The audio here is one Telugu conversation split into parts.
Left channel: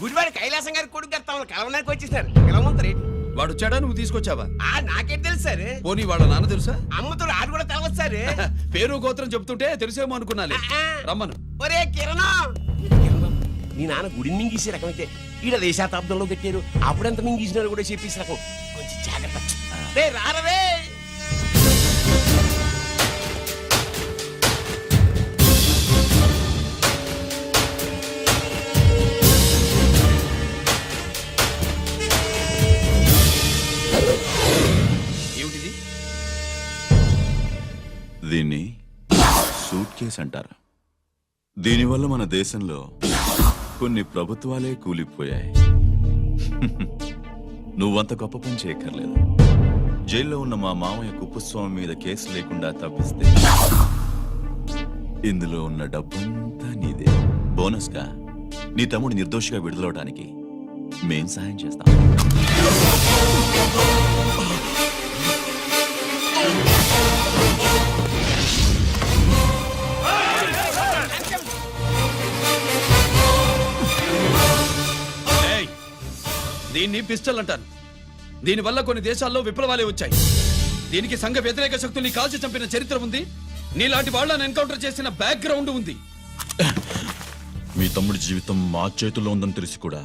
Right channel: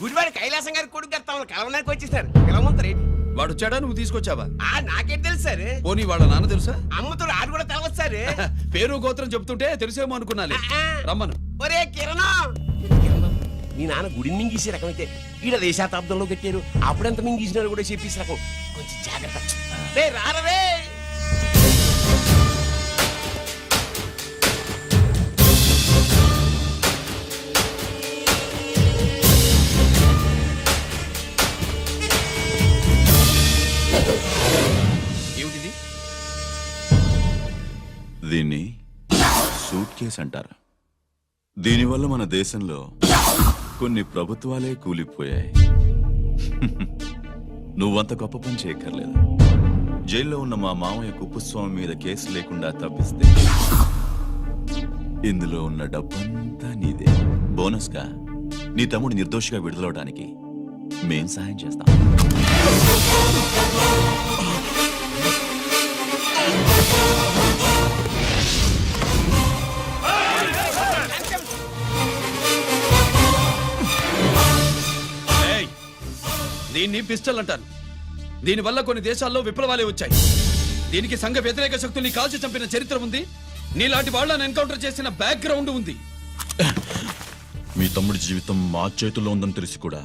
గుడివాడి కైలాసం గారి కొడుకు గారు తమను కలవడానికి వచ్చేసారు. పిలవమంటారు. వాడు వచ్చాడా, నువ్వు తీసుకొచ్చావా? నాకేం తెలుసు సార్. పోనీ వాళ్ళ నాన్న తెలుసా? అమ్మతో ఆడు కూడా తెలవచ్చు సార్. పేరు గోత్రం చెప్తుంటే తెలిసేమో అనుకున్నాలే. రమ్మను. ఒరే కిరణం, నీ నాన్న గుడిని మింగేసే రకమైతే ఈడ శతాబ్దంలో కట్టారు. అప్పుడెంత మింగేసినారు కూడా చెప్పేసి రకం. కొంచెం జాగ్రత్త. రే రారవే. ఏమిటిది? దీన్ని సూట్ కేస్ అంటారు. దీనివల్ల మన దేశంలో కొన్ని ప్రభుత్వాలే కూలిపోయాయి. నువ్వంత గొప్ప పని చేయక్కర్లేదు. జైల్లో ఉన్న మా మామయ్య కుప్పస్వామి మీద కేసు లేకుండా తప్పిస్తే ఇందులో ఉన్న డబ్బంతా నీదే. బోనస్ గా నీ తమ్ముడు నిర్దోషిగా విడుదలవడానికి మేం సాయం చేస్తాం. దీన్ని పిస్టల్ అంటారు. దీనివల్ల కొన్ని దేశాల్లో విప్లవాలే వచ్చాయి. దీనికి సంఘ వ్యతిరేక శక్తుల్ని కాల్చి చంపిన చరిత్ర ఉంది. నీలాంటి వాళ్ళని ఎన్కౌంటర్ చేసిన బ్యాక్గ్రౌండ్ ఉంది. మీ తమ్ముడి జీవితం మా చేతుల్లో ఉందని తెలిసి కూడా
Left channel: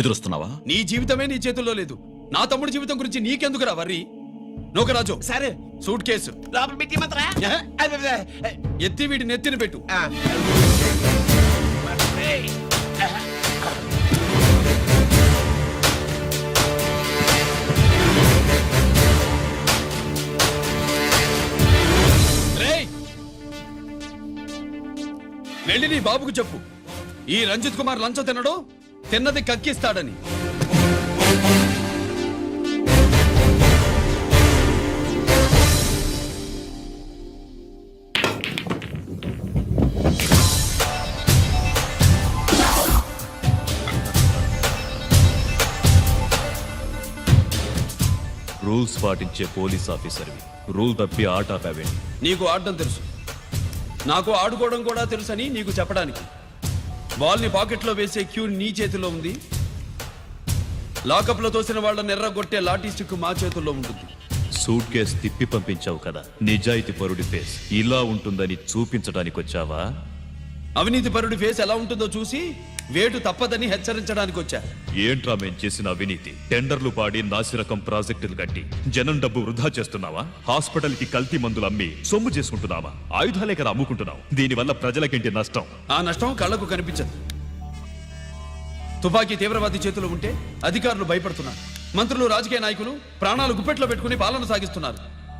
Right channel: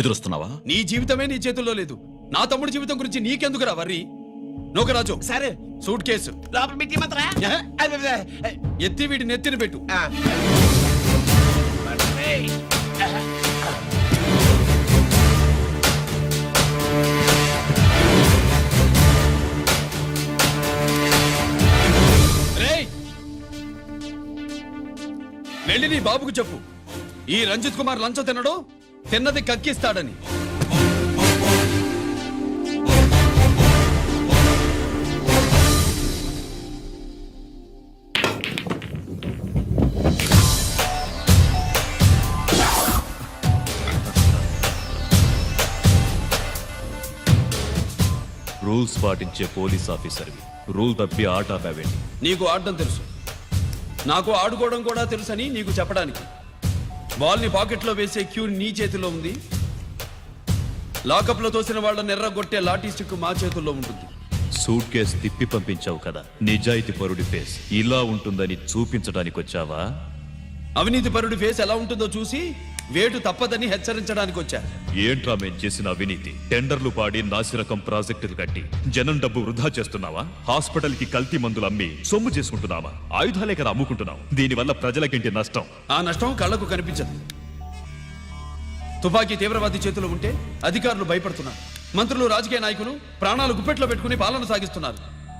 ఎదురొస్తున్నావా? నీ జీవితమే నీ చేతుల్లో లేదు. నా తమ్ముడి జీవితం గురించి నీకెందుకురా వర్రీ? నోకరాజు సరే, సూట్ కేసు లోపల పెట్టి మాత్రా. ఎత్తి వీడి నెత్తిని పెట్టు. వెళ్ళి నీ బాబుకు చెప్పు, ఈ రంజిత్ కుమార్ లంచం తినడు, తిన్నది కక్కిస్తాడని. రూల్స్ పాటించే పోలీస్ ఆఫీసర్వి, రూల్ తప్పి ఆట ఆపావేంటి? నీకు ఆడడం తెలుసు, నాకు ఆడుకోవడం కూడా తెలుసని నీకు చెప్పడానికి. బాల్ ని పాకెట్లో వేసే క్యూ నీ చేతిలో ఉంది. లాకప్ లో తోసిన వాళ్ళని ఎర్రగొట్టే లాఠీ స్టిక్ మా చేతుల్లో ఉంటుంది. సూట్ కేస్ తిప్పి పంపించావు కదా, నిజాయితీ పరుడి ఫేస్ ఇలా ఉంటుందని చూపించడానికి వచ్చావా? అవినీతి పరుడి ఫేస్ ఎలా ఉంటుందో చూసి వేటు తప్పదని హెచ్చరించడానికి వచ్చా. ఏంట్రా మేం చేసిన అవినీతి? టెండర్లు పాడి నాసిరకం ప్రాజెక్టులు కట్టి జనం డబ్బు వృధా చేస్తున్నావా? హాస్పిటల్ కి కల్తీ మందులు అమ్మి సొమ్ము చేసుకుంటున్నావా? ఆయుధాలే కదా అమ్ముకుంటున్నావు. దీనివల్ల ప్రజలకేంటి నష్టం? ఆ నష్టం కళ్లకు కనిపించదు. తుపాకీ తీవ్రవాది చేతిలో ఉంటే అధికారులు భయపడుతున్నారు. మంత్రులు, రాజకీయ నాయకులు ప్రాణాలు గుప్పెట్లో పెట్టుకుని పాలన సాగిస్తున్నారు.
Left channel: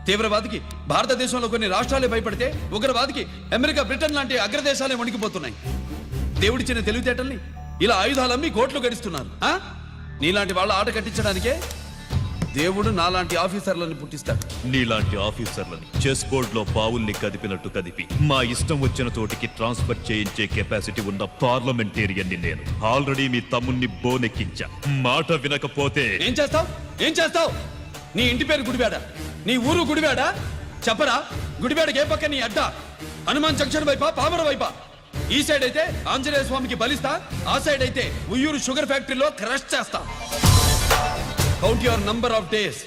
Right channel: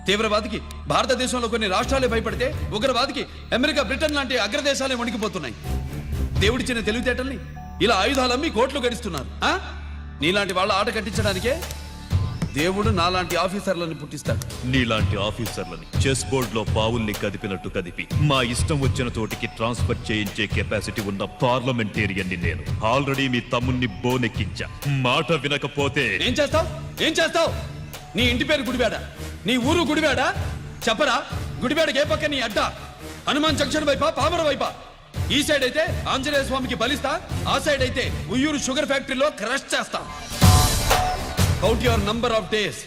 తీవ్రవాదికి భారతదేశంలో కొన్ని రాష్ట్రాలే భయపడితే ఉగ్రవాదికి అమెరికా, బ్రిటన్ లాంటి అగ్రదేశాలే వణికిపోతున్నాయి. దేవుడిచ్చిన తెలివితేటల్ని ఇలా ఆయుధాలమ్మి కోట్లు గడిస్తున్నారు. నీలాంటి వాళ్ళ ఆట కట్టించడానికే దేవుడు నాలాంటి ఆఫీసర్లను పుట్టిస్తాడు. నీలాంటి ఆఫీసర్లని చెస్ బోర్డ్ లో పావుల్ని కదిపినట్టు కదిపి మా ఇష్టం వచ్చిన తోటికి ట్రాన్స్ఫర్ చేయించే కెపాసిటీ ఉన్న పార్లమెంటేరియన్ ని నేను. ఆల్రెడీ మీ తమ్ముణ్ణి బోనెక్కించా. మాట వినకపోతే ఏం చేస్తావు? ఏం చేస్తావు? నీ ఇంటి పేరు గుడివాడ, నీ ఊరు గుడివాడ. చెప్పరా, గుడివాడకి ఏ పక్క నీ అడ్డ? హనుమాన్ జంక్షన్ వైపా, పామర వైపా? ఈ సైడ్ అయితే ఆంజనేయ స్వామికి బలిస్తా, ఆ సైడ్ అయితే ఉయ్యూరు షుగర్ ఫ్యాక్టరీలో క్రష్ చేస్తా. Count your number of days.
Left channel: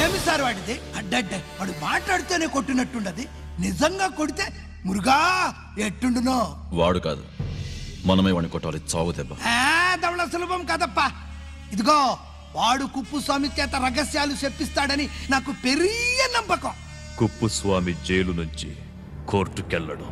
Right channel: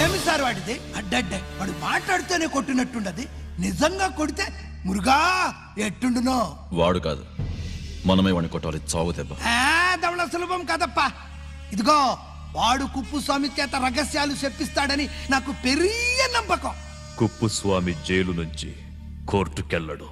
ఏమి సార్ వాడిది? అడ్డడ్డ వాడు మాట్లాడుతూనే కొట్టినట్టుండది. నిజంగా కొడితే మురుగా ఎట్టుండునో. వాడు కాదు, మనమే వాడిని కొట్టాలి. చావు దెబ్బ. దవళ సులభం కదప్పా. ఇదిగో, వాడు కుప్పుస్వామి చేత రహస్యాలు చెప్పిస్తాడని నాకు పెరియ నమ్మకం. కుప్పుస్వామి జైలు నుంచి కోర్టుకెళ్ళడు.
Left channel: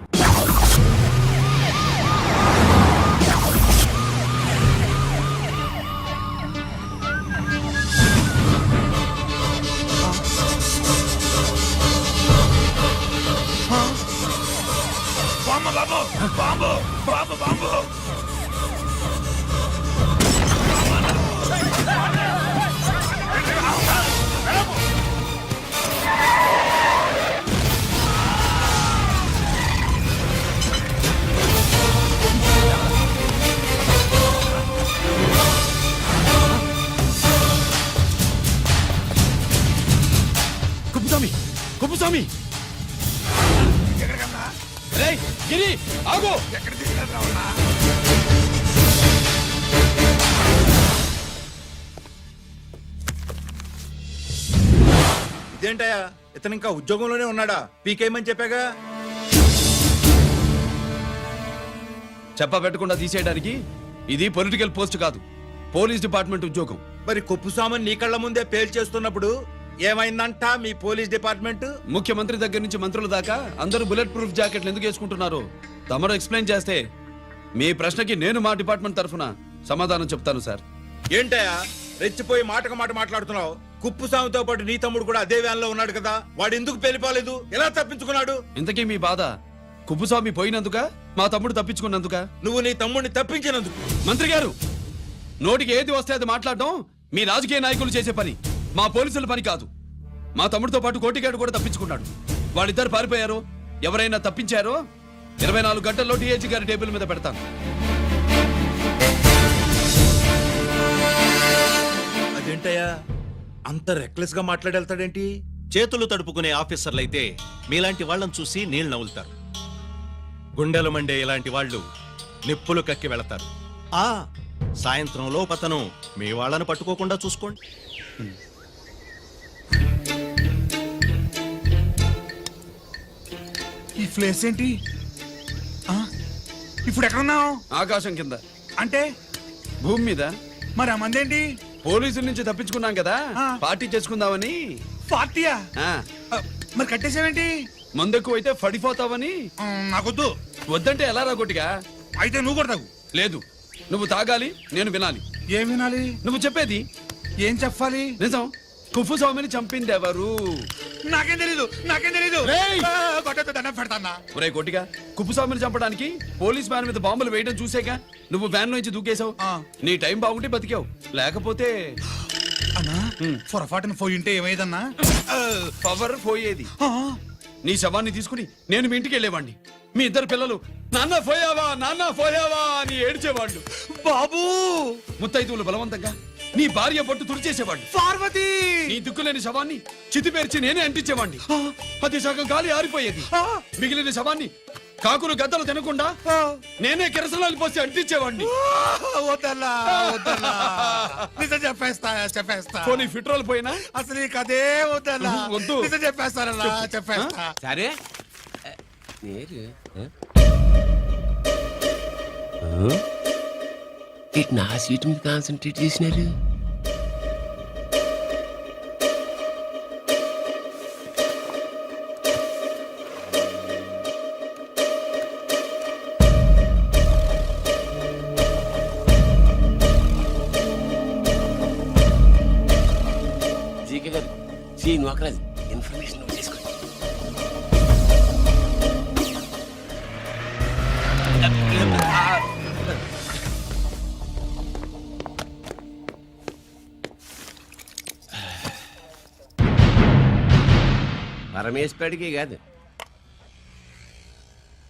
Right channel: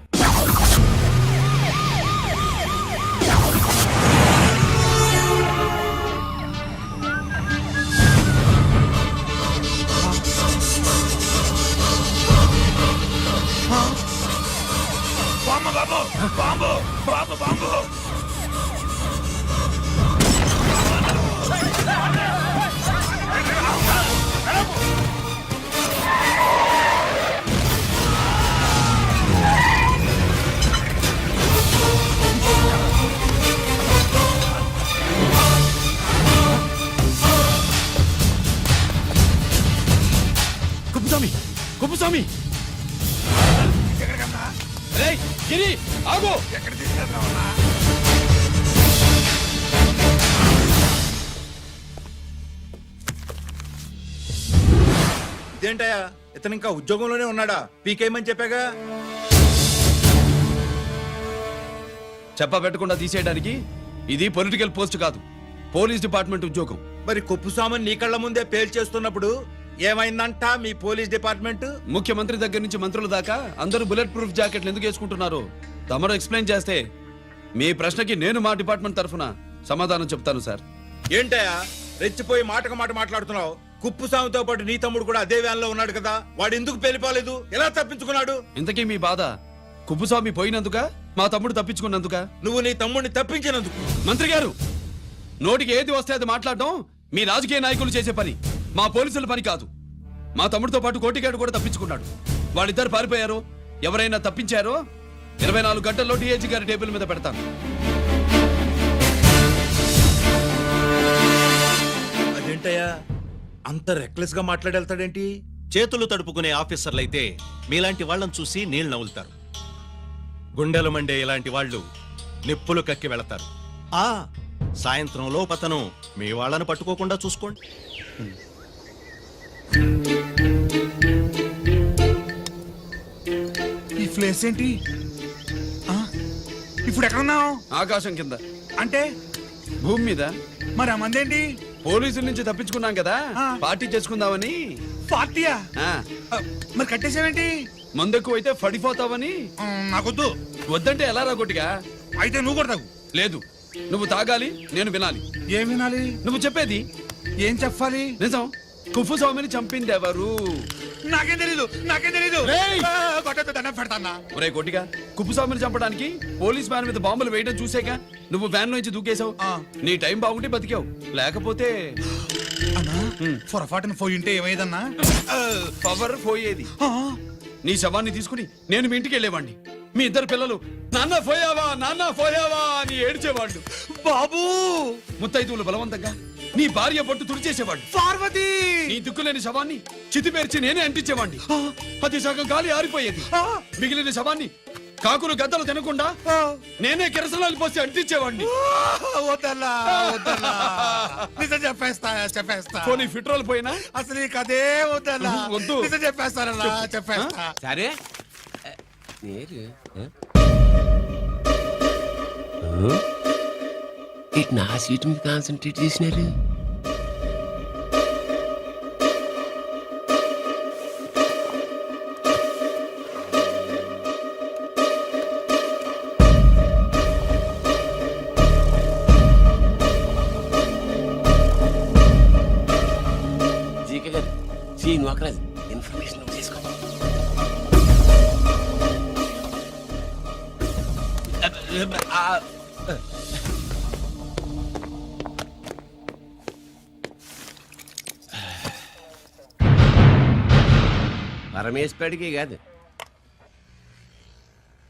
కుప్పస్వామి ఎక్కడికన్నా రేయ్ గిరి ఆగు. ఎక్కడ తీసుకెళ్తున్నావన్నా? ఇదేంటయ్యా ఇతను ఇంకా ఉద్యోగంలోనే ఉన్నాడా? పీకేయమని చెప్పాగా. చెప్ప పెట్టకుండా తీసేయడానికి ఇది పొలిటికల్ పోస్ట్ కాదు, పోలీస్ డిపార్ట్మెంట్ ఉద్యోగం. మరి కుప్పుస్వామిని నీ కళ్ళ ముందే పేల్చేస్తున్నప్పుడు ఏమైందంట మీ పోలీస్ డిపార్ట్మెంట్? ముఖ్యమంత్రి దగ్గర నుంచి మంత్రుల దాకా అందరూ బుల్లెట్ ప్రూఫ్ జాకెట్లు ఎందుకు వేసుకుంటున్నారు తమరు ఎక్స్ప్లెయిన్ చేస్తే మీ ప్రశ్నకి నేను మా డిపార్ట్మెంట్ తరఫున సమాధానం చెప్తాను సార్. ఏంటయ్యా రెచ్చిపోయి మాటకు మాట మాట్లాడుతున్నావు? కుప్పుస్వామితో పాటు నీ తమ్ముడు కూడా అదే వ్యాన్ లో ఉన్నాడు కదా, వాడు ఎందుకు పేలిపోలేదు? ఎలా తప్పించుకున్నాడు? ఇంతకీ మీ బాధ కుప్పుస్వామి పోయినందుక మా తమ్ముడు తప్పించుకున్నందుక? నువ్వు నీ తమ్ముడిని తప్పించినందుకు. మంత్రి గారు, నోటికి ఏది వస్తే అది మాట్లాడడం మీ రాజకీయ నాయకులు చేసే పని, మా పోలీసుల పని కాదు. మా తమ్ముడితో పాటు కోటిగాడు కూడా తప్పించుకున్నాడు. వాళ్ళిద్దరు పారిపోయారు. ఎవరైనా తప్పించారో 24 గంటల్లో డిఐజీ గారి టేబుల్ మీద పెడతాను. అదేంటయ్యా అంత రెక్లెస్ గా మాట్లాడేళ్తాడేంటి? చేతులు తడుపుకునే ఆఫీసర్లైతే మీలాంటి వాళ్ళని చూసి నీళ్లు నవ్వులుతారు. గుండెలు మండే ఇలాంటి వాళ్ళు నిప్పులు కక్కి వెళతారు. సాయంత్రం లోపతను మీ వాళ్ళను పట్టుకోకుండా చూసుకోండి. ఈ ప్లేస్ ఏంటి? ఆ? ఇప్పుడు ఎక్కడున్నావు? ఆకాశం కింద అంటే భూమి మీద. మరి ఆ మందేంటి? పోలీసుల నుంచి తప్పించుకున్నాం కదా, ఆ. పార్టీ చేసుకుందామని. పార్టీయా? ఆ, ఆ, మరి కట్టేసావేంటి? మందెక్కువ అయితే పడిపోతావని. నాకొద్దు. వద్దంటే ఎలా రాగొట్టిగా? అయితే నువ్వు కూడా తాగు. లేదు, నువ్వు తాగాలి, నేను వినాలి. ఏం వినాలి? నువ్వు చెప్పేది ఏం చెప్పాలి? నిజం. కుఫు స్వామిని చంపింది ఎవరు? నాకేం తెలీదు, నాకేం తెలీదు. రేయ్! కొట్టతో దండం పెడతానా? ఒరే కోటిగా, కుప్పు స్వామిని చంపడానికి పోలీస్ వ్యాన్ మీద బాంబులు వేయడం చూసాక నువ్వు వ్యాన్ నుంచి దూకేశావు. ఆ. నీ టైం బాగుంటే బతికావు, లేకపోతే అన్నా పొరపాటున పోయి ఉంటే ఏమైందన్నా? పవర్ పోయేది. ఆ, నీ శవాన్ని తీసుకుని నేను మీ ఇంటికి వెళ్ళేవాడిని. మీ ఇద్దరు పిల్లలు నాన్న పోయావా నాన్న పోయావా అని ఏడ్చేవాళ్ళు. బాబూ ముత్తైదువులు బలవంతంగా నీ భార్య పట్టు తుడిచేసేవాళ్ళు. పార్వతి నీ దిక్కులేని శవాన్ని చితిపేర్చి నేనే అంటించేవాడిని. అది సగం గాలి ఆరిపోయేది. మిగిలిన శవాన్ని కాకులు గద్దలు తినకుండా నేనే కిరసనాలు పోసి అంటించేవాడిని. వద్దన్నా, వద్దన్నా. నిజం చెప్పేస్తా, చెప్పేస్తా. పోనీ ఫిట్రోల్ పోయినా అసలు ఈ కథే వద్దన్నా. వద్దు. నిజం చెప్పేస్తానన్నా, చెప్పేస్తా. సరే నేరు ఇటు నా సీట్ మీద కాన్సన్ట్రేట్ చేసినారు. జీకే గారు, శ్రీ నోకరాజ్ ఇన్ఫర్మేషన్ నోట్ చేసుకోండి. పరమేశ్వరుడికి కాదు,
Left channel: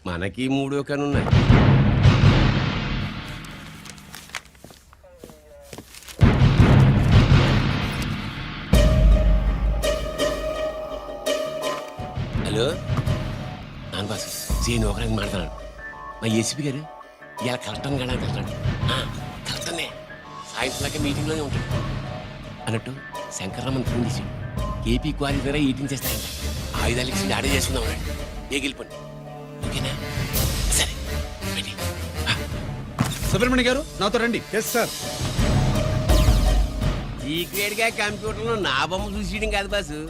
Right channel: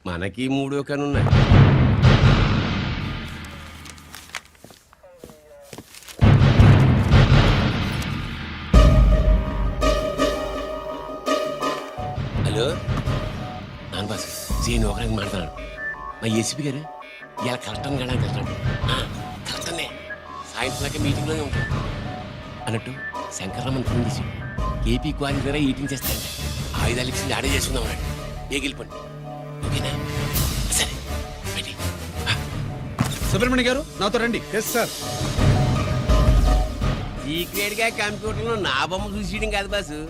మనకి మూడో కనున్నాయి. హలో నాన్న బాసు, సీన్ ఒకరికి మాట్లాడుతున్నాడు. మా ఏసీపీ గారు ఇలా కలెక్టర్ని వెళ్ళడానికి వెళ్తాడు. కలెక్టర్నే సాయంత్రం దాకా మీటింగ్లోనే ఉంటాడు అన్నట్టు. శంకర్రామన్ ఫోన్ చేసి ఏపీ క్వారీ ద్వారా ఈటింగ్ చేస్తారంట. ఆయుధాలు ఇచ్చింది ఆడే చేసుకుందాం అన్నాడు. గెలిపండి, ఓకేనా? సరే రెడీ. సుబ్రహ్మణ్య గారు నాతో రండి. Yes sir. సీక్రెట్ గా కంప్యూటర్లో నా బొమ్మ చూసేయడం కాదు బాసు,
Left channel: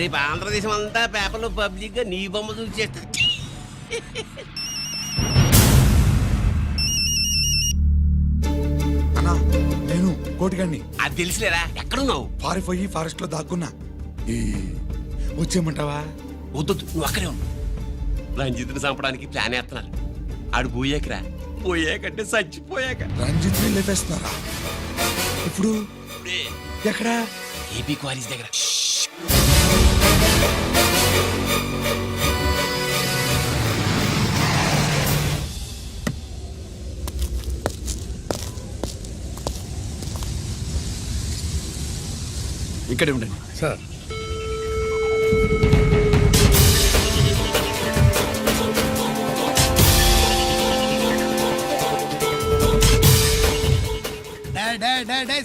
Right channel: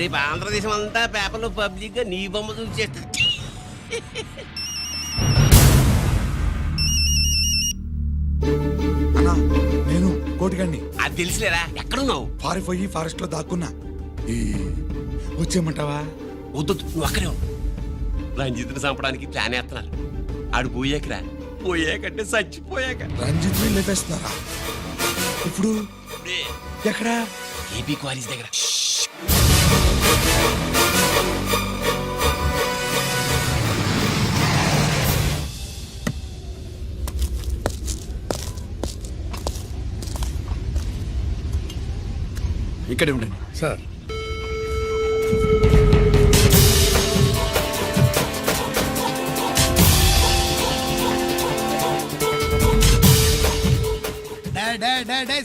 రేపు ఆంధ్రదేశం అంతా పేపర్లో పబ్లిక్ గా నీ బొమ్మ చూసేస్తుంది. అన్నా నేను కోటిగాడిని. అది తెలుసులేరా, ఎక్కడున్నావు? పారిపోయి ఫారెస్ట్ లో దాక్కున్నా. వచ్చేయమంటావా? వద్దు, నువ్వు అక్కడే ఉన్నావు. రంజిత్ని చంపడానికి ప్లాన్ వేస్తున్నారు. ఆడు పోయాకరా, పోయాకంటే చచ్చిపోయాక. రంజిత్ ని లేపేస్తున్నారా? ఇప్పుడు ఇప్పుడే ఎక్కడా? ఏపీ క్వారీస్ దగ్గర. ఇక్కడే ఉండండి సార్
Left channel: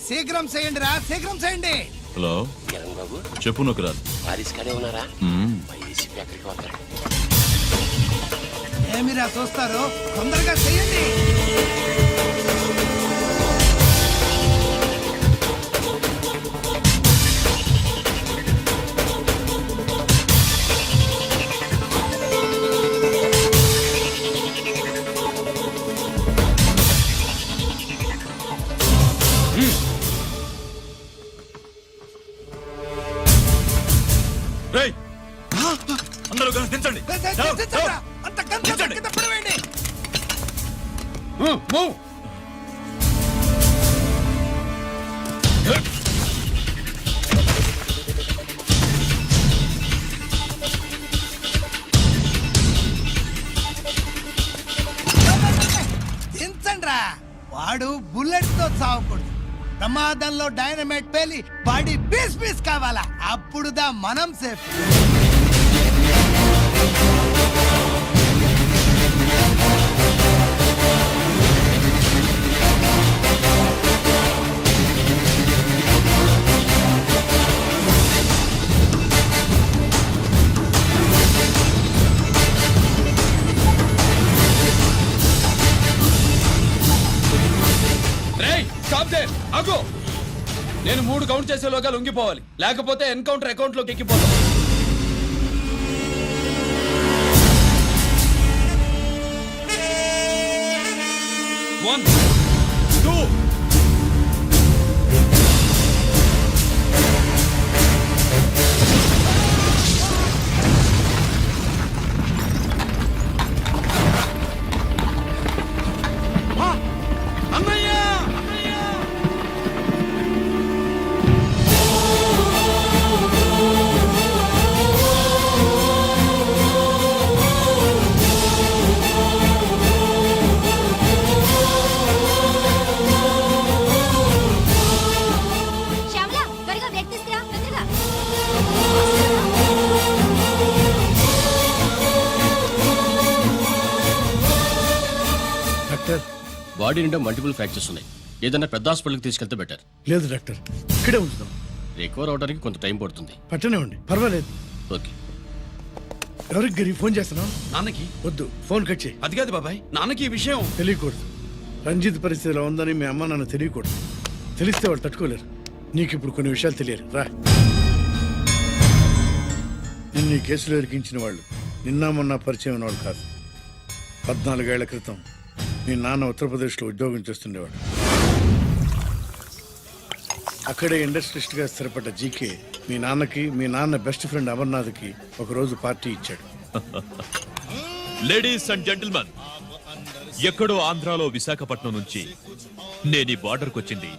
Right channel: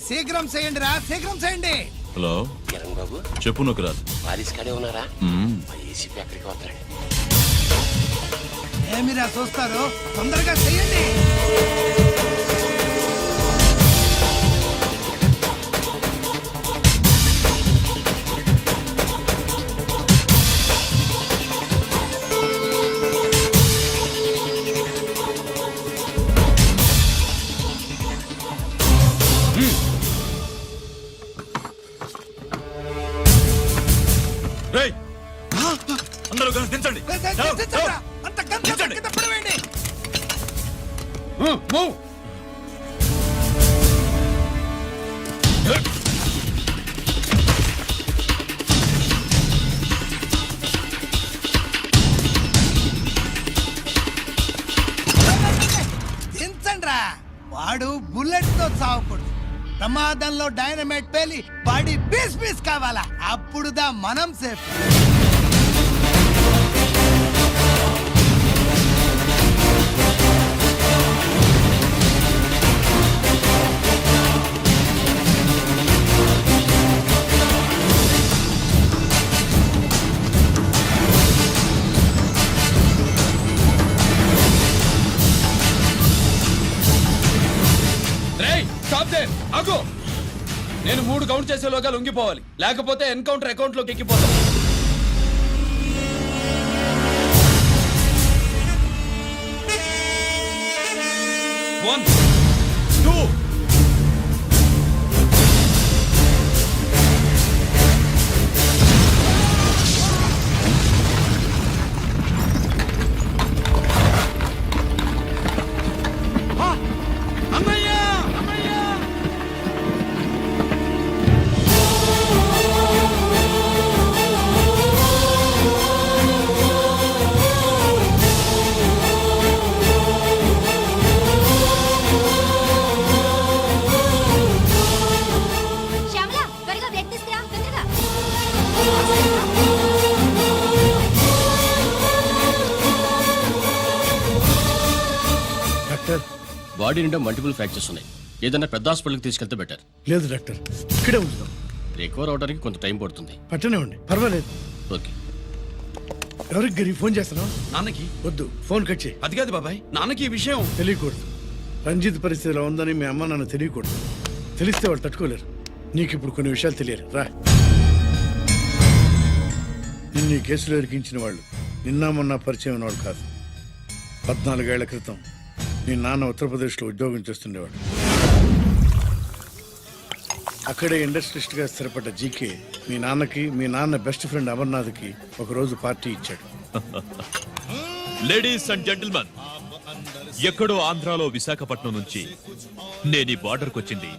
శీఘ్రం చేయండి రా, శీఘ్రం చేయండి. హలో కిరణ్ బాబు చెప్పు నొకరాజు. వారిస్ కాడే ఉన్నారా? మా ఏసీపీ ఎక్కడికి వస్తున్నాడు? ఏమిరా చూస్తారు, తొందరగా చెయ్యండి. రేయ్ అందరూ కలిసి దించండి. అంత గంట కింద పడవేయండి. మూవ్. దించండ్రా. వాడు బుల్లెట్ తో చావకూడదు. ప్రమాదంలో డైనమైట్ పేలి బాడీ పీస్ పీస్ కావాలా, అప్పుడుదా మనం సేఫ్. రేయ్ స్టాప్ దే, ఆగు. నేను 3 కౌంట్ చేసేలోగా లొంగిపోవాలి, లేకపోతే ఎన్కౌంటర్ అకౌంట్ లోకి ఎక్కిపోతాం. 1 2 శ్యామల, త్వరగా బ్రేక్ తీసుకురా, తొందరగా. డాక్టర్, బాడీ నిండా మల్టిపుల్ ఫ్రాక్చర్స్ ఉన్నాయి. ఏదైనా పెద్ద హాస్పిటల్కి తీసుకెళ్తే బెటర్. లేదు డాక్టర్, ఇక్కడే ఉంచుదాం. రికవర్ అవడానికి కొంత టైం పడుతుంది. పట్టనే ఉండి పర్వాలేదు. ఓకే. ఎవరికి గరి ఫోన్ చేస్తున్నావు? నాన్నకి. వద్దు, ఫోన్ కట్ చేయి. అది కాదు బాబాయ్, నాన్నకి ఈ విషయం తెలియకూడదు. రంజిత్ పరిస్థితిలో ఉందని మీ అమ్మ నాన్న తెలియకూడదు. తెలిస్తే వాళ్ళు తట్టుకోలేరు. నీకు ఇప్పుడు కొన్ని విషయాలు తెలియాలి. రా. నిన్ను ఈ కేసులో ఇరికించిన వాళ్ళు నిన్న మొన్న పరిచయం ఉన్న వాళ్ళు కాదు. 14 ఏళ్ల క్రితం మీ నాన్న ఉత్తరప్రదేశ్లో ఉద్యోగం చేస్తుండేవాడు. అక్కడే ఇండస్ట్రియలిస్ట్గా స్థిరపడ్డ జీకే మీ నాన్నకి, మీ నాన్న బెస్ట్ ఫ్రెండ్ అమర్నాథ్కి ఒకరోజు పార్టీ ఇచ్చాడు. లేడీస్ అండ్ జెంటిల్మెన్, ఎక్కడో ఆంధ్రాలో విశాఖపట్నం నుంచి నేను ఈ బార్డర్కి వచ్చింది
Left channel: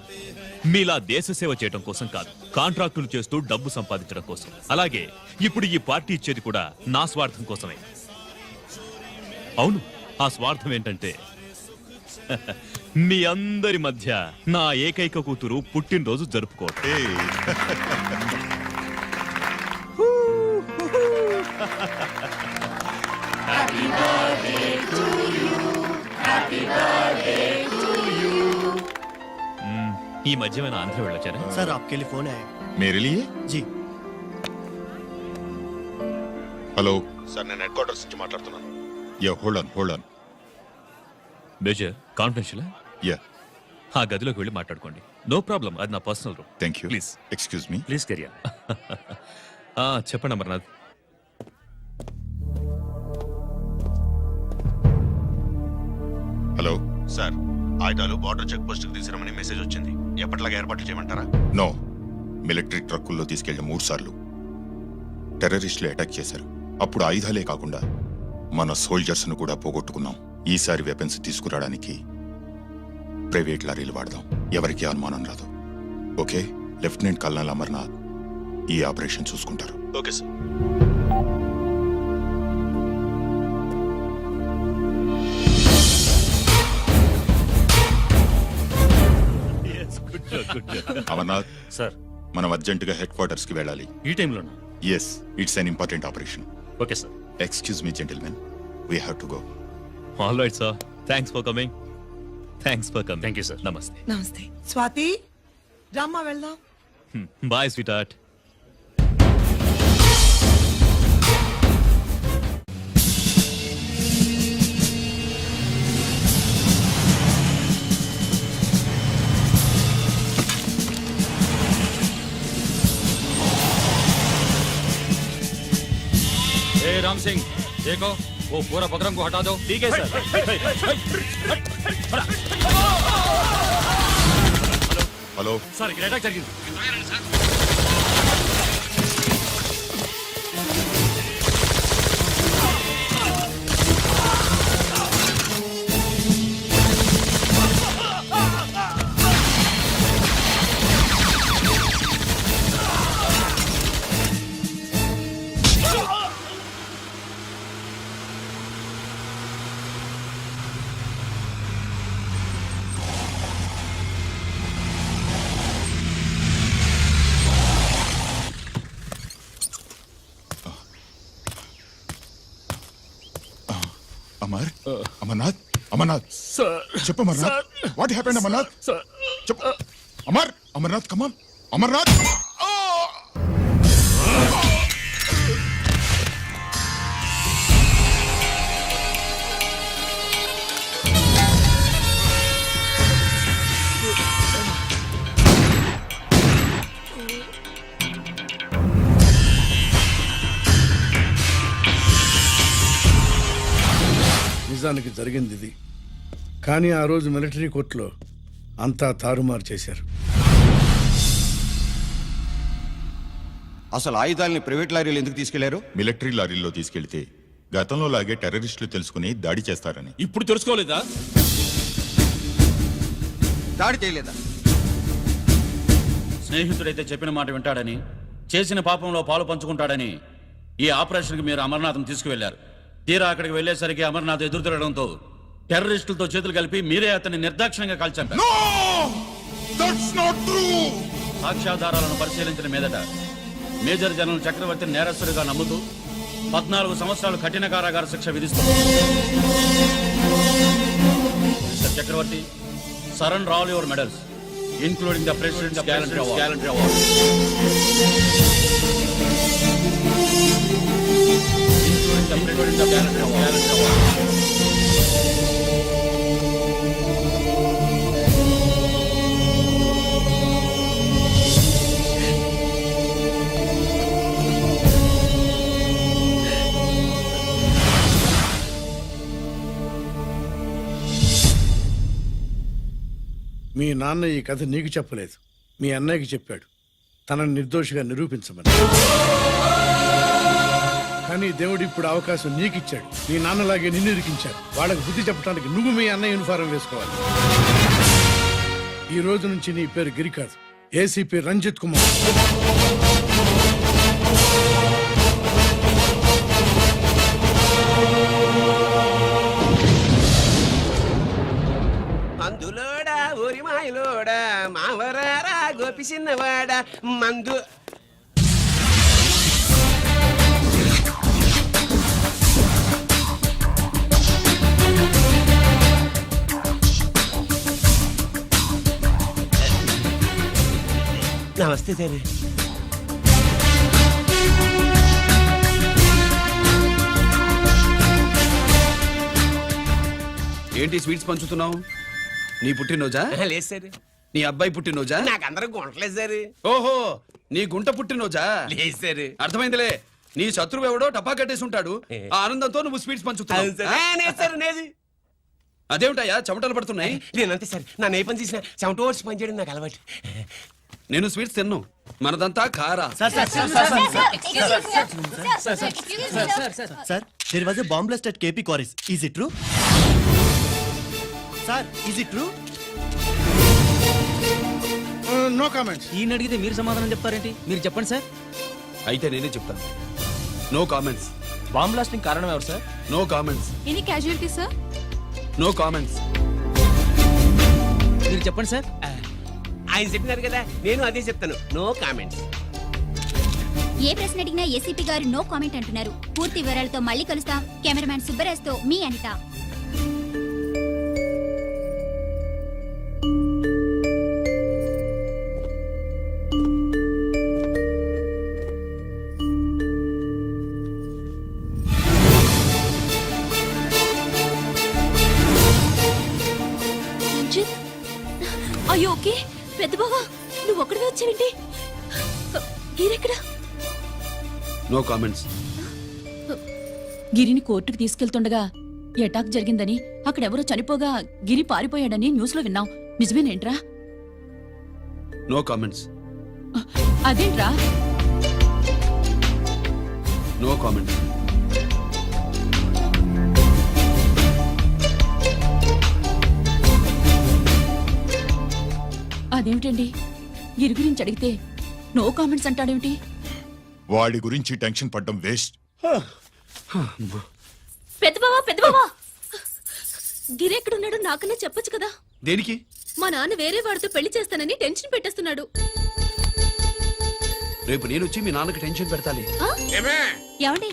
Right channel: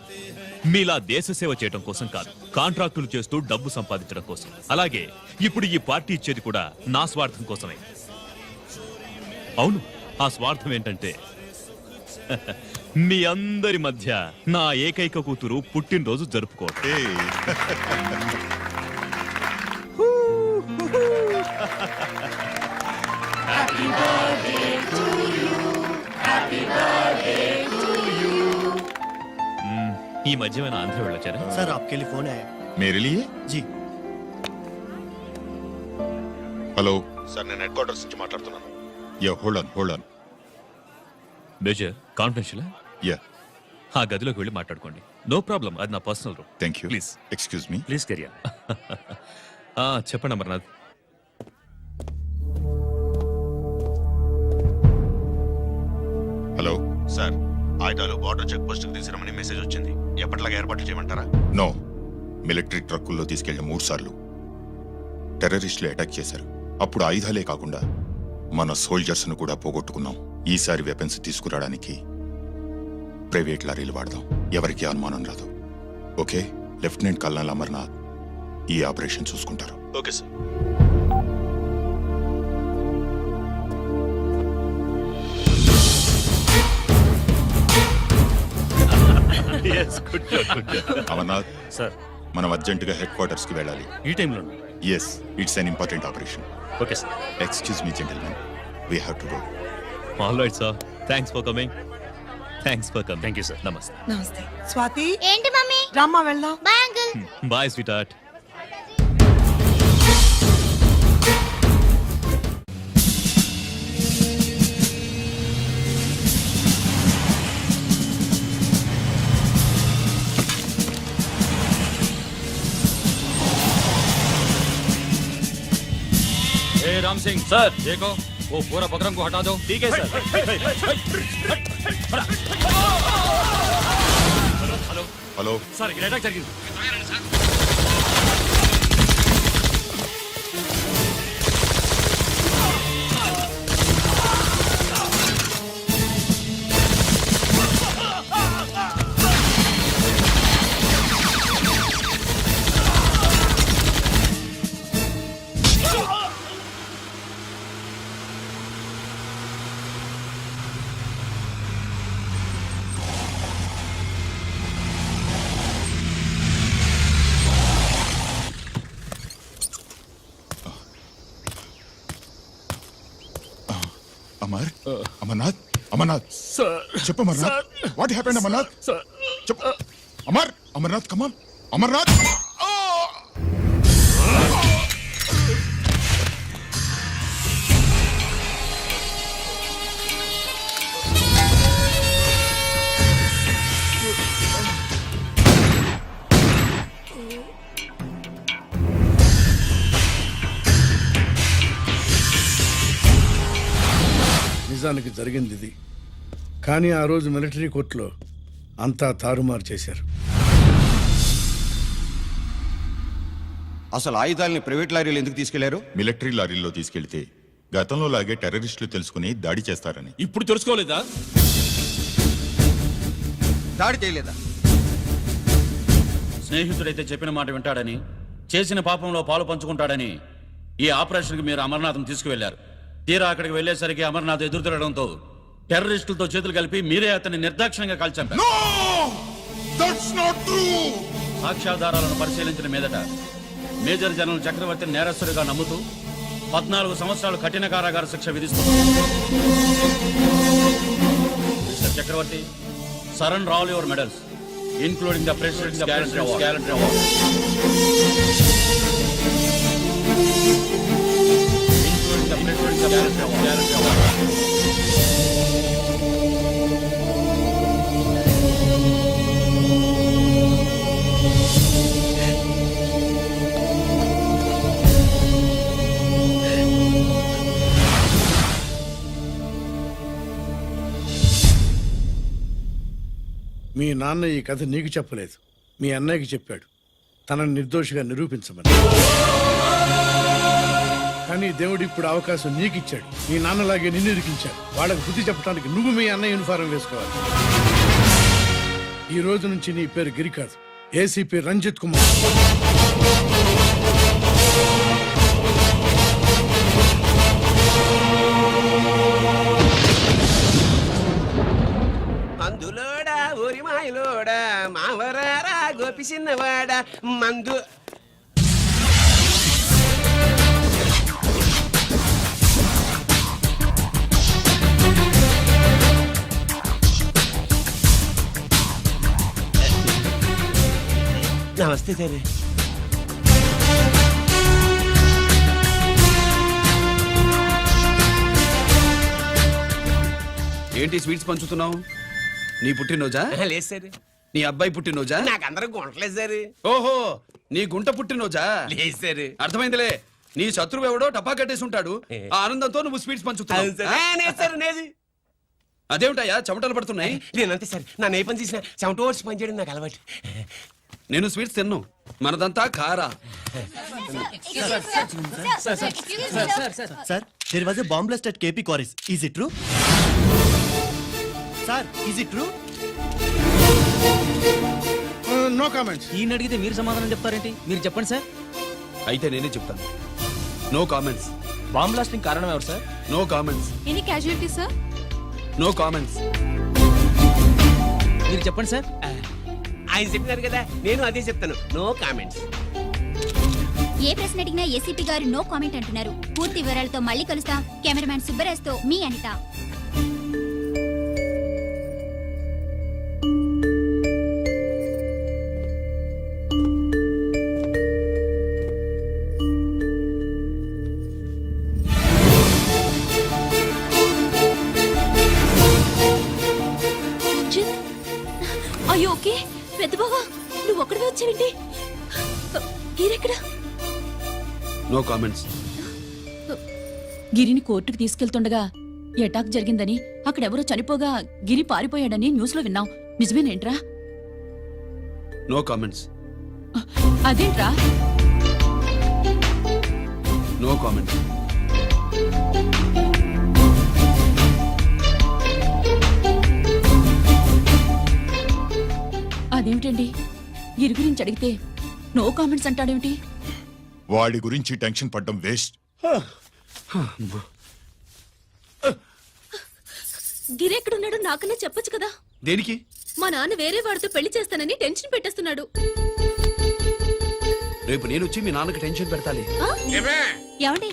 మీలా దేశ సేవ చేయడం కోసం కాదు, కాంట్రాక్టులు చేస్తూ డబ్బు సంపాదించడం కోసం. అలాగే ఇప్పుడు ఈ పార్టీ ఇచ్చేది కూడా నా స్వార్థం కోసమే. అవును, ఆ స్వార్థం ఏంటంటే మీ అందరి మధ్య నా ఏకైక కూతురు పుట్టినరోజు జరుపుకోవటం. ఈ మధ్యమైన ఆంధ్ర వెళ్ళొచ్చారా? సార్ आपके लिए फोन आया. मेरे लिए? जी. హలో సార్, నేను హెడ్ క్వార్టర్స్ నుంచి మాట్లాడుతున్నాను. Yeah, hold on. Major confidential. Yeah, ఆ గదిలోకి వెళ్ళి మాట్లాడుకోండి. నో ప్రాబ్లం, అది నా personal room. Thank you. Please excuse me. Please career. చెప్పండి అమర్నాథ్. హలో సార్, ఆయుధాలు బార్డర్ చెక్ పోస్ట్ కు తీసుకురమని మెసేజ్ వచ్చింది. ఎప్పటిలాగా ఏర్పాట్లు చేయమంటారా? నో, మిలిటరీ ట్రక్కుల్లో తీసుకెళ్లిన 3 సార్లు టెర్రరిస్టులు అటాక్ చేశారు. అప్పుడు ఆయుధాలే కాకుండా మన సోల్జర్స్ ను కూడా పోగొట్టుకున్నాం. ఈసారి వెపన్స్ తీసుకురావడానికి ప్రైవేట్ లారీలు వాడదాం. ఎవరికి అనుమానం రాదు. ఓకే? లెఫ్టినెంట్ కల్నల్ అమర్నాథ్ ఈ ఆపరేషన్ చూసుకుంటారు. Okay sir. అమర్నాథ్ సార్, మనం అర్జెంటుగా హెడ్ క్వార్టర్స్ కి వెళ్ళాలి. ఈ టైంలో. Yes, it's an important operation. Okay sir. Excuse me gentlemen, we have to go. All right sir, thanks for coming. Thanks for coming. Thank you sir. నమస్తే. నమస్తే స్వాతి. ఏంటి మమ్మీ? రామ్మా వెళ్దాం. Bye uncle. Bye sweetheart. Ram Singh sir देखो वो पूरा बकरम को हटा दो. ठीक है सर. హలో सर ఇక్కడ అటాక్ జరిగింది. అమర్ అమర్నాథ్ అమర్నాథ్ చెప్పు అమర్నాథ్ వాట్ హ్యాపెండ్ అమర్నాథ్ చెప్పు అమర్ అమర్నాథ్ కమాన్ అమర్నాథ్ నిజానికి జరిగింది ఇది. కానీ ఆ రోజు మిలిటరీ కోర్టులో అంతా తారుమారు చేశారు. అసలు ఆయుధాలని ప్రైవేట్ లారీలు ఎందుకు తీసుకెళ్లారు? మిలిటరీ లారీల్లో తీసుకెళ్తే గతంలో లాగే టెర్రరిస్టులు తెలుసుకుని దాడి చేస్తారని. ఇప్పుడు తెలుసుకోలేదా? దాడి చేయలేదా? స్నేహితుడైతే చెప్పిన మాట వింటాడని, చేసిన పాపంలో పాలు పంచుకుంటాడని ఈ ఆపరేషన్కి మీరు అమర్నాథ్ను తీసుకువెళ్లారు. తీరా అక్కడికి వెళ్లేసరికి అమర్నాథ్ ఎదురు తిరగడంతో టెర్రరిస్టులతో చేతులు కలిపి మీరే అతన్ని నిర్దాక్షిణ్యంగా కాల్చంపారు. సాక్ష్యాధారాలను పరిశీలించిన మీదట మేజర్ జనరల్ చక్రవర్తిని నేరస్తుడిగా నమ్ముతూ 14 సంవత్సరాలు కఠిన కారాగార శిక్ష విధిస్తున్నారు. Mister Chakravarthi, surrender all your medals including the president's guarantee award. The President's Guarantee Award. మీ నాన్న ఈ కథ నీకు చెప్పలేదు, మీ అన్నయ్యకి చెప్పాడు, తనని నిర్దోషిగా నిరూపించమని. కానీ దేవుడు ఇప్పుడు అవకాశం నీకు ఇచ్చాడు. మీ నాన్నలాగే నిన్ను ఇరికించాడు. వాళ్ళకి బుద్ధి చెప్పడానికి నువ్వు మీ అన్నయ్య యూనిఫారం వేసుకోవాలి. ఈ రోజు నుంచి నీ పేరు గిరి కాదు, ఏసీపీ రంజిత్ కుమార్. మందులోడా ఊరి మాయలోడా మావరారా గోపి చిన్నవాడా మందు. నమస్తే సార్. ఏంటి స్వీట్స్ పంచుతున్నావు? నీ పుట్టినరోజా? లేదు సార్. నీ అబ్బాయి పుట్టినరోజా? నాకు అందరూ గుంటలేదు సార్. ఓహో, నీ గుంట పుట్టినరోజా? లేదు సార్. అర్థమైందిలే. నీ శత్రువు ఎవడో టపా కట్టేసి ఉంటాడు. ఆ ఆనందంతో నువ్వు స్వీట్స్ పంచుతున్నావు. అదేమిటయ్యా చెమటలు పడుతున్నాయి? నేనంతే సార్. నా ఏ పని చేసిన చెమట ఓడ్చి పని చేయడం నాకు అలవాటు. నేను స్వీట్స్ తిన్ను, మనదంతా కారా. Sir, there was a bomb blast at KP Quarries. Is it true? Sir, is it true? No comments. ఈయన అడిగితే మీరు సమాధానం చెప్తారేంటి? మీరు చెప్పండి సార్. అయితే నేనే చెప్తాను. No comments. బాంబ్ బ్లాస్టింగ్ కారణం ఎవరు sir? No comments. Any casualty sir? No comments. మీరు చెప్పండి సార్. ఆయన చెప్పినారు కదా, నేను అదే చెప్తాను. No comments. ఏ ప్రశ్న అడిగినా ఏసీపీ గారు నో కామెంట్ అంటున్నారు. పూర్తి వివరాలతో మళ్ళీ కలుస్తాం. కెమెరామ్యాన్ సుబ్బరాజ్తో మీ అనిత. వెంకీ పెద్ద బావా నువ్వు ఒక్కడివే వచ్చావేంటి గిరెక్కడా నో కామెంట్స్. గిరిని కోర్టుకు తీసుకెళ్తుండగా ఎటాక్ జరిగిందని అక్కడెవరో చనిపోగా గిరి పారిపోయాడని న్యూస్ లో విన్నాం నిజమేనేంట్రా? No comments. అదేంట్రా? No comments. అదేమిటండి గిరి గురించి అడిగితే నో కామెంట్స్ అంటాడేమిటి? వాడి గురించి టెన్షన్ పడ్డం వేస్ట్. పెద్ద బావా గిరి ఎక్కడున్నాడో నాకన్నా చెప్పొచ్చు కదా. దేనికి? మా నాన్న వేరే వాడితో పెళ్లి చేస్తానని టెన్షన్ పెట్టేస్తున్నాడు. రేపు నేను వచ్చి మీ నాన్నకి టెన్షన్ పెడతాలి. ఏమే ఏమండి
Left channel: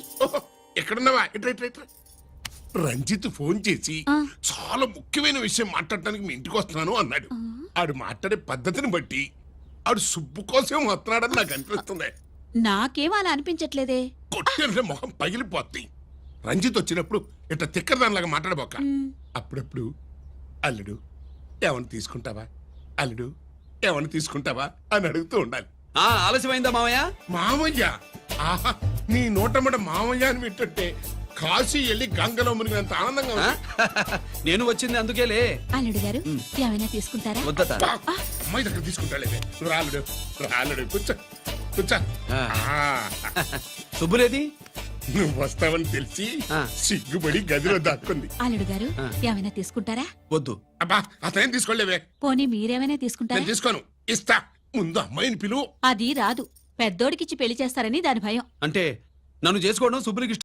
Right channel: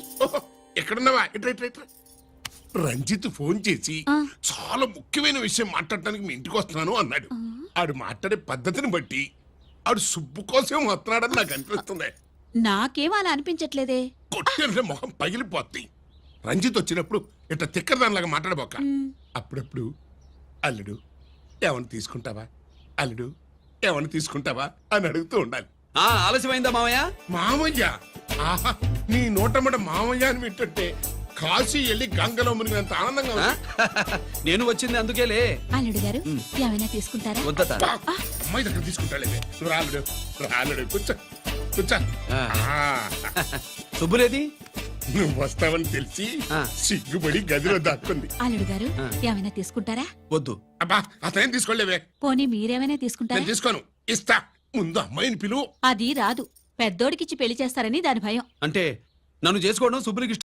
ఎక్కడున్నావా? ఇట్రా ఇట్రా ఇట్రా. రంజిత్ ఫోన్ చేసి ఆ. చాలా ముఖ్యమైన విషయం మాట్లాడటానికి మీ ఇంటికి వస్తున్నాను అన్నాడు. ఆడు మాట్లాడే పద్ధతిని బట్టి ఆడు సుబ్బు కోసం వస్తున్నాడని నాకు అనిపిస్తుంది. నాకేం అలా అనిపించట్లేదే. కొట్టిన మొహం పగిలిపోద్ది. రంజిత్ వచ్చినప్పుడు ఇట్లా తిక్కరదానిలాగా మాట్లాడబోక. అప్పుడప్పుడు అల్లుడు ఏమన్నా తీసుకుంటావా, అల్లుడు ఏమన్నా తీసుకుంటావా అని అడుగుతూ ఉండాలి. ఆలస్యమైందా మామయ్య? మామయ్య, ఆహా, నీ నోటమ్మట మామయ్య అని వింటుంటే కాశీ వెళ్ళి గంగలో మునిగినంత ఆనందంగా ఉంది. నేను వచ్చింది అందుకేలే. అల్లుడు గారు ఏమైనా తీసుకుంటారా? వద్దట. అబ్బా, అమ్మాయి దగ్గర తీసుకుంటాలేవే. నువ్వు రాలుడు రాలుడు కూర్చో కూర్చో. ఆ. ఆ, శుభ్రేది? నువ్వు వస్తావని తెలిసి ఆ. సిగ్గుపడి గదిలో దాక్కుంది. అల్లుడు గారు ఏమైనా తీసుకుంటారా? వద్దు. అబ్బా అతనేం తీసుకోలేవే. పోనీ మీరేమైనా తీసుకుంటారా? నేను తీసుకోను, ఇస్తా. ముందు అమ్మాయిని పిలువు. అది రాదు. పెద్దోడికిచ్చి పెళ్లి చేస్తారని దాని భయం. అంటే నన్ను చేసుకోవడం శుభ్రికి